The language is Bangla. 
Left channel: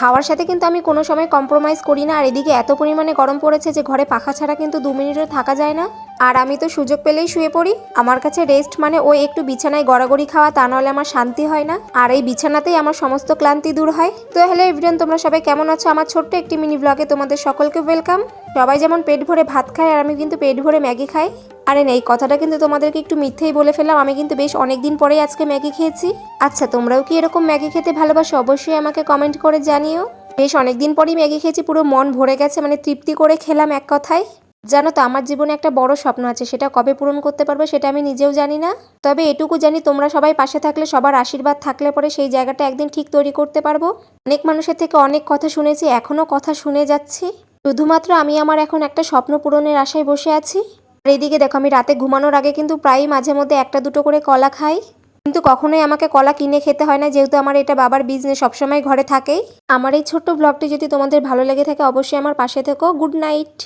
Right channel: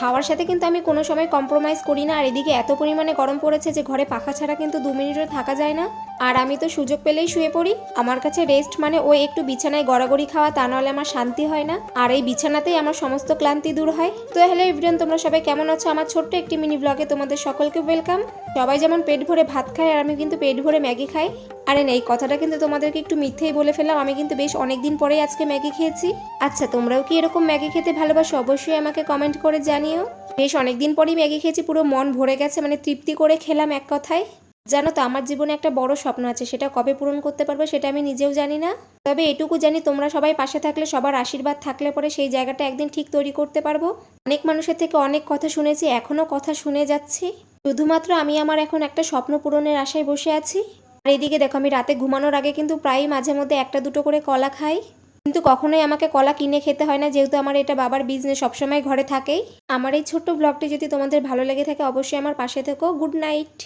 খাওয়ার সাথে কিন্তু আমি কোনো সময় কম্প্রোমাইজ করি না। আর এদিকে এত পরিমাণে গরম পড়েছে যে ঘরে পাখা ছাড়া কিন্তু 2 মিনিটও থাকা যায় না। আর আমি তো সুযোগ পেলেই শুয়ে পড়ি। আমার কাছে রেস্ট মানে ওই একটু বিছানায় গড়াগড়ি খাওয়া, তা নাহলে আমার শান্তি হয় না। আর এই বিছানাতেই আমার সমস্ত ক্লান্তি দূর হয়। তো হ্যালো এভরিওয়ান, তোমরা সবাই কেমন আছো? আমার ছোট্ট একটি মিনি ব্লগে তোমাদের সকলকে ওয়েলকাম। সবাই যেমন পেট ভরে ভাত খায়, আর আমি কিন্তু পেট ভরে ম্যাগি খাই। আরে এই কথাটা কিন্তু তোমাদেরকে একটু মিথ্যেই বলে ফেললাম, আমি কিন্তু বেশ অনেকদিন পরেই আজকে ম্যাগি খেয়েছি। আচ্ছা, তোমরাও কি এরকম ম্যাগি খেতে ভালোবাসো? অবশ্যই আমাকে কমেন্ট করে জানিও। বেশ অনেকদিন পরেই ম্যাগি খেয়েছি, পুরো মন ভরে গেছে, মানে তৃপ্তি করে খেলাম এক কথায়। জানো তো, আমার জীবনে একটা বড় স্বপ্ন আছে, সেটা কবে পূরণ করতে পারবো সেটা আমি নিজেও জানি না। তবে এটুকু জানি, তোমরা সবাই পাশে থাকলে, সবার আশীর্বাদ থাকলে পরে সেই জায়গাটা একদিন ঠিক তৈরি করতে পারবো। অনেক মানুষের থেকে অনেক কথা শুনেছি, এখনও কথা শুনে যাচ্ছি। শুধুমাত্র আমি আমার এখন একটা স্বপ্ন পূরণের আশায় বসে আছি। আর এইদিকে দেখো, আমি রাতে ঘুমানোর আগে কিন্তু প্রায়ই মাঝে মধ্যে একটা দুটো করে কলা খাই। কিন্তু কখনোই আমাকে কলা কিনে খেতে হয় না, যেহেতু আমার এটা বাবার বিজনেস, সবসময় ঘরে থাকেই। আমার এই ছোট্ট ব্লগটি যদি তোমাদের ভালো লেগে থাকে, অবশ্যই আমার পাশে থেকো। Good night.